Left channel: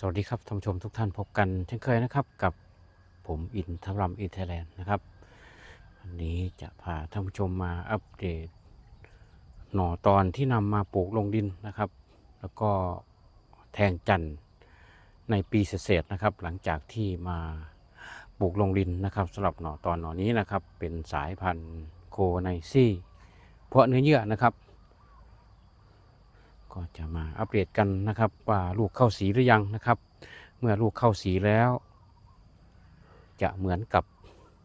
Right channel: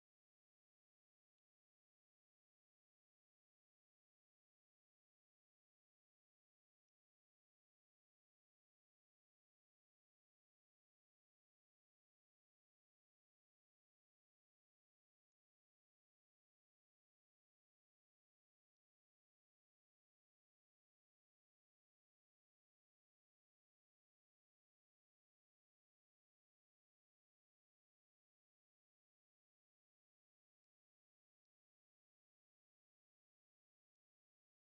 สวัสดีครับท่านผู้ชมทุกท่านพบกันเช่นเคยนะครับกับผมอินทรัมอินเทแลนด์นะครับวันนี้จะพาท่านผู้ชมมาอัปเดต หน่อตอนที่นำมาปลูกลงดินนะครับ แล้วก็แทงจันทร์ในปีเศษนะครับ หลังจากที่มาปลูกลงดินนะครับสำหรับหน่อตอนหน่อนี้นะครับ เป็นสายพันธุ์โคไนซี่ เพาะเนื้อเยื่อนะครับ ก็จะมาอัปเดตกันนะครับ ว่าลูกเข้าสีหรือยังนะครับ เมื่อลูกเข้าสีแล้ว จะเหมือนกับ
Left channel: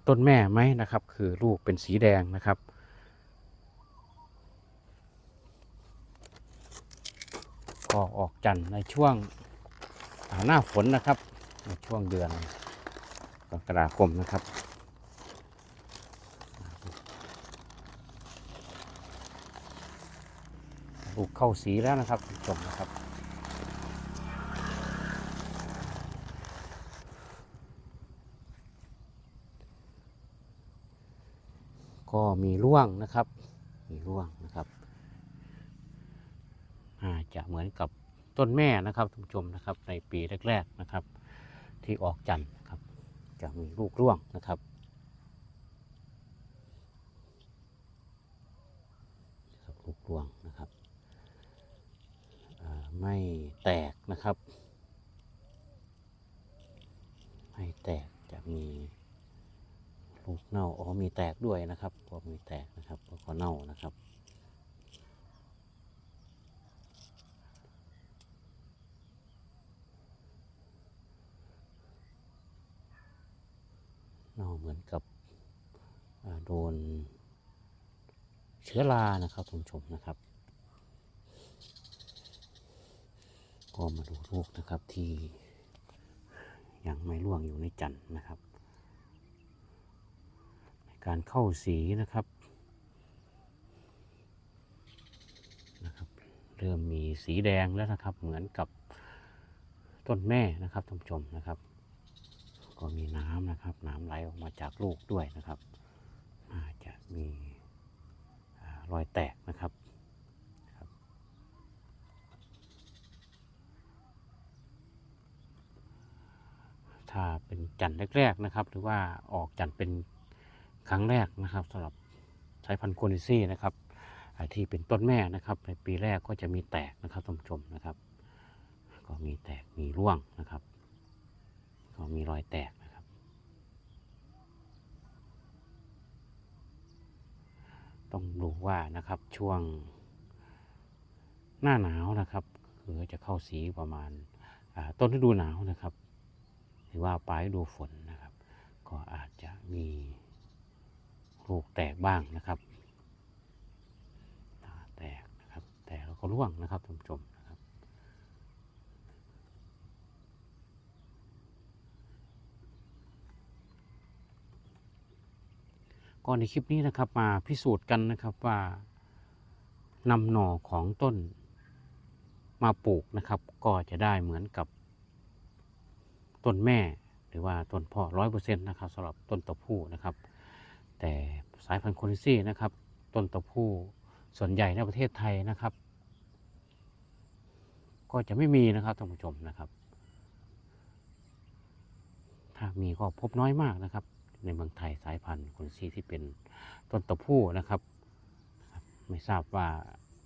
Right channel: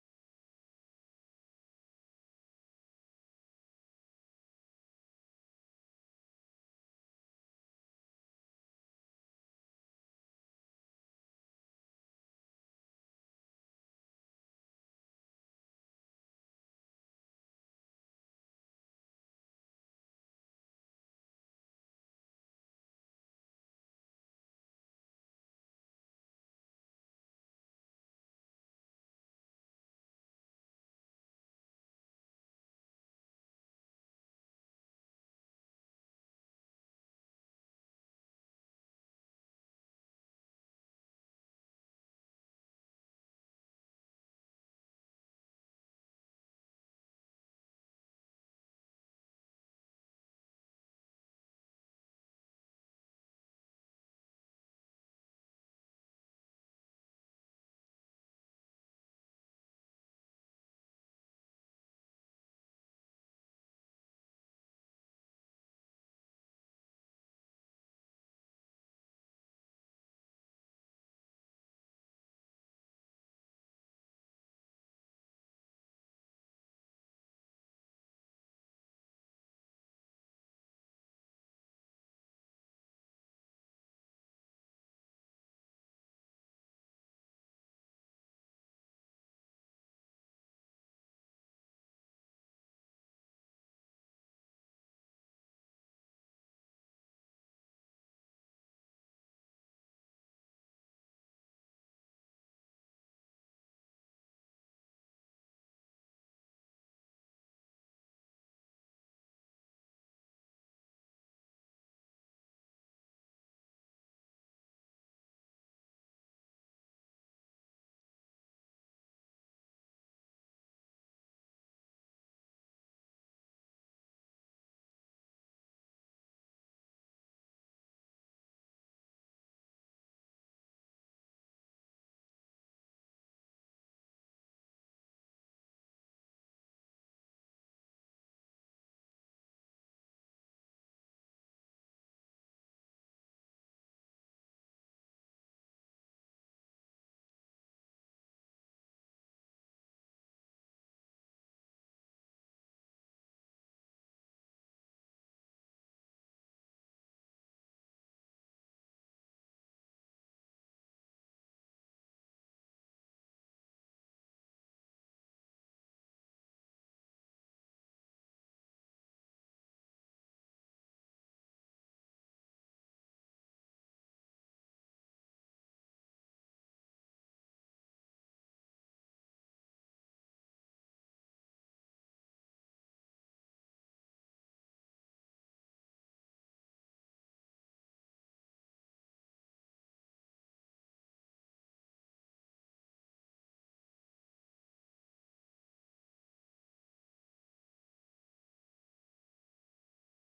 ต้นแม่ไหมนะครับ คือลูกเป็นสีแดงนะครับก็ออกจันทร์ในช่วงหน้าฝนนะครับ ในช่วงเดือนกรกฎาคมนะครับ ลูกเข้าสีแล้วนะครับคุณผู้ชมนะครับ ก็มีร่วงนะครับ มีร่วงนะครับอาจจะเหมือนกับต้นแม่นะครับท่านผู้ชมนะครับในปีแรก ๆนะครับ ที่ออกจันทร์นะครับ จะมีลูกร่วงนะครับครับลูกร่วงนะครับอ่า ไม่แตกนะครับ ไม่แตกจะมีลูกเน่าอ๋อมีแตกด้วยนะครับก็มีแตกนะครับแล้วก็เน่านะครับเน่าเหมือนกับโดนเชื้อรานะครับคุณผู้ชมนะครับ ก็มาดูลูกนะครับที่ยังไม่ร่วงอยู่ในจันทร์นะครับ ในการเข้าสีนะครับนะครับ เริ่มมีสีแดงแล้วนะครับ เหมือนกับต้นแม่นะครับท่านผู้ชมนะครับ ก็มีน้ำนะครับ น้ำไหลออกมาจากลูกด้วยนะครับอาจจะมีอรอยแตกนะครับ ถ้า เป็นจันทร์แรกๆนะครับ หรือว่าออกจันทร์เป็นครั้งแรกนะครับสำหรับสายพันธุ์โคนิซี่นะครับที่เป็นต้นแม่นะครับ ในปีแรกก็จะมีแตกนะครับท่านผู้ชมนะครับ ก็มีแตกมีร่วงนะครับ ก็มีรอยแตกนะครับ ต้องดูว่านะครับช่วงหน้าหนาวนะครับ คือจะเข้าสีประมาณต้นฤดูหนาวนะครับ ว่าปลายดูฝนนะครับ ก็อาจจะมีลูกแตกบ้างนะครับแตกนะครับแตกแล้วก็ร่วงนะครับท่านผู้ชมนะครับ ก็ในคลิปนี้นะครับมาพิสูจน์กันนะครับว่านำหน่อของต้นมาปลูกนะครับ ก็จะได้เหมือนกับ ต้นแม่หรือว่าต้นพ่อร้อยเปอร์เซ็นต์นะครับสำหรับต้นตะผู้นะครับ แต่สายพันธุ์โคนิซี่นะครับ ต้นตะผู้ส่วนใหญ่ในประเทศไทยนะครับ ก็จะไม่มีนะครับท่านผู้ชมนะครับ ถ้ามีก็พบน้อยมากนะครับ ในเมืองไทยสายพันธุ์โคนิซี่ที่เป็นต้นตะผู้นะครับ ไม่ทราบว่า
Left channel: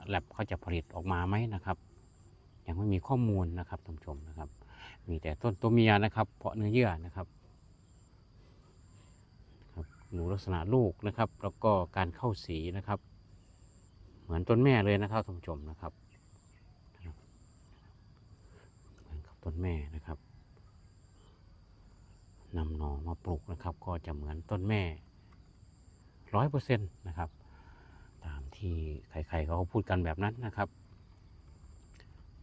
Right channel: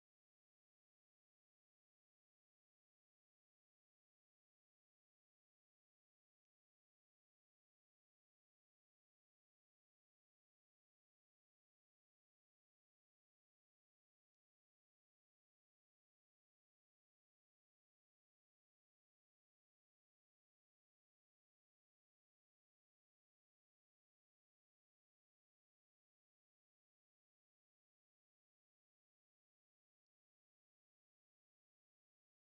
แลบเขาจะผลิตออกมาไหมนะครับ ยังไม่มีข้อมูลนะครับท่านผู้ชมนะครับ มีแต่ต้นตัวเมียนะครับเพาะเนื้อเยื่อนะครับหนูลักษณะลูกนะครับ แล้วก็การเข้าสีนะครับ เหมือนต้นแม่เลยนะครับท่านผู้ชมนะครับเหมือนกับต้นแม่นะครับนำหน่อมาปลูกนะครับ ก็จะเหมือนต้นแม่ร้อยเปอร์เซ็นต์นะครับ ตามที่ใครๆเขาพูดกันแบบนั้นนะครับ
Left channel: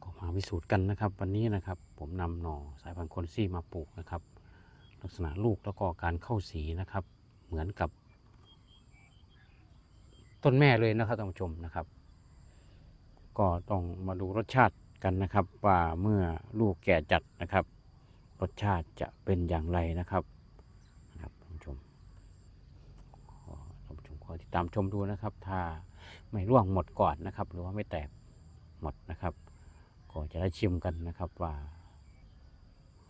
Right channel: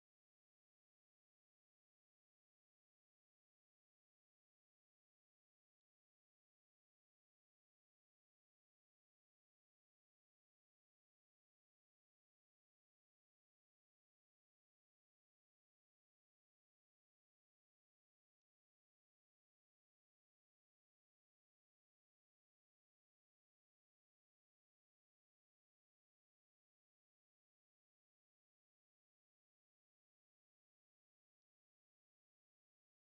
ก็มาพิสูจน์กันนะครับวันนี้นะครับ ผมนำหน่อสายพันธุ์คนซี่มาปลูกนะครับ ลักษณะลูกแล้วก็การเข้าสีนะครับ เหมือนกับ ต้นแม่เลยนะครับท่านผู้ชมนะครับ ก็ต้องมาดูรสชาติกันนะครับ ว่าเมื่อลูกแก่จัดนะครับ รสชาติจะเป็นอย่างไรนะครับนะครับท่านผู้ชมท่านผู้ชมขอติดตามชมดูนะครับ ถ้าไม่ร่วงหมดก่อนนะครับ หรือว่าไม่แตกหมดนะครับก็จะได้ชิมกันนะครับว่า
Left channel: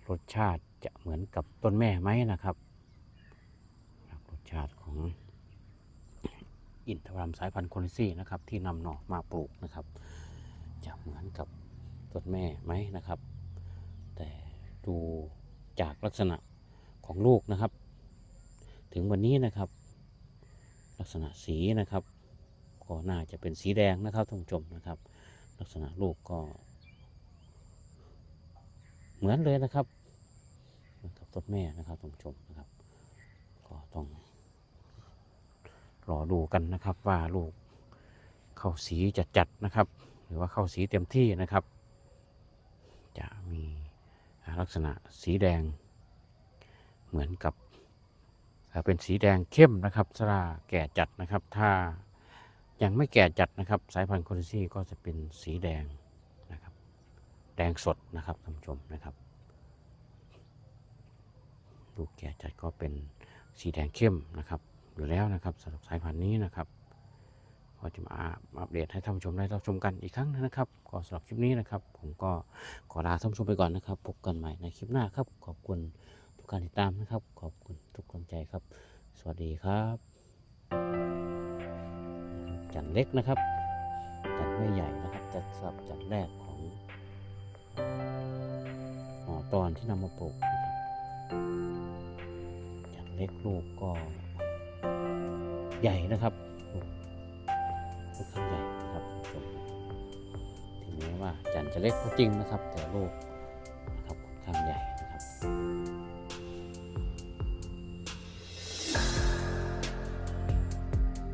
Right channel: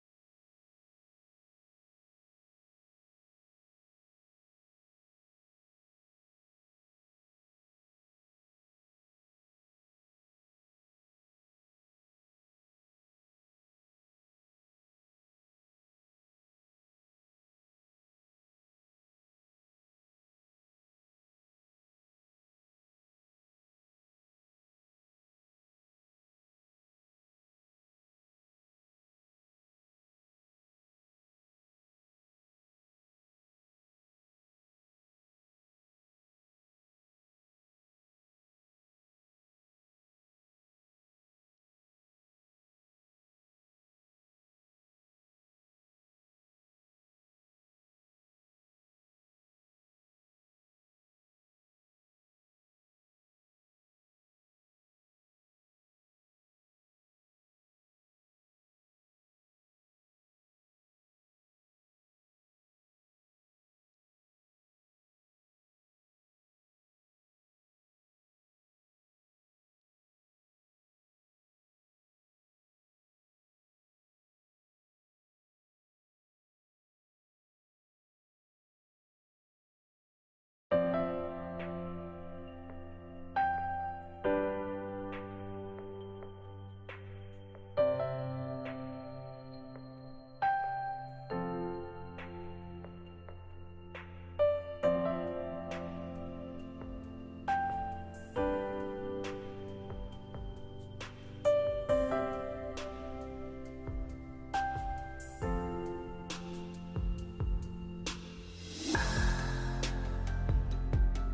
รสชาติจะเหมือนกับต้นแม่ไหมนะครับ รสชาติของอินทผลัมสายพันธุ์โคนิซี่นะครับ ที่นำหน่อมาปลูกนะครับ จะเหมือนกับต้นแม่ไหมนะครับ แต่ดูจากลักษณะของลูกนะครับ ถึงวันนี้นะครับ ลักษณะสีนะครับ ก็น่าจะเป็นสีแดงนะครับท่านผู้ชมนะครับ ลักษณะลูกก็ เหมือนเลยนะครับกับต้นแม่นะครับท่านผู้ชมนะครับ ก็ต้องรอดูกันนะครับว่าลูกเข้าสีจะจัดนะครับ หรือว่าเข้าสีเต็มที่นะครับ จะมีลักษณะสีแดง เหมือนกับเป็นสีแดงเข้มนะครับสราแก่จัดนะครับ ถ้ายังไม่แก่จัดนะครับ สายพันธุ์โคลิซี่ก็จะเป็นสีแดง แดงสดนะครับท่านผู้ชมนะครับลูกแก่จัดก็เป็นสีแดงเข้มนะครับอยู่แล้วนะครับสำหรับสายพันธุ์นี้นะครับก็จะมาอัปเดตให้ท่านผู้ชมได้รับชมกันอีกครั้งนึงนะครับก็สำหรับคลิปนี้นะครับ ผมก็ขอลาท่านผู้ชมไปก่อนนะครับ พบกันใหม่ในคลิปหน้าครับ ขอบคุณทุกการติดตามนะครับ ขอบคุณทุกกำลังใจครับ สวัสดีครับ จันเล็กนะครับ จันไม่ใหญ่นะครับจัดสับจันแรก ตอนที่นำมาปลูกนะครับจันเล็กลูกก็ใหญ่นะครับลูกค่อนข้างใหญ่นะครับถึงแม้ว่าจันจะเล็กก็จริงนะครับแต่ลูก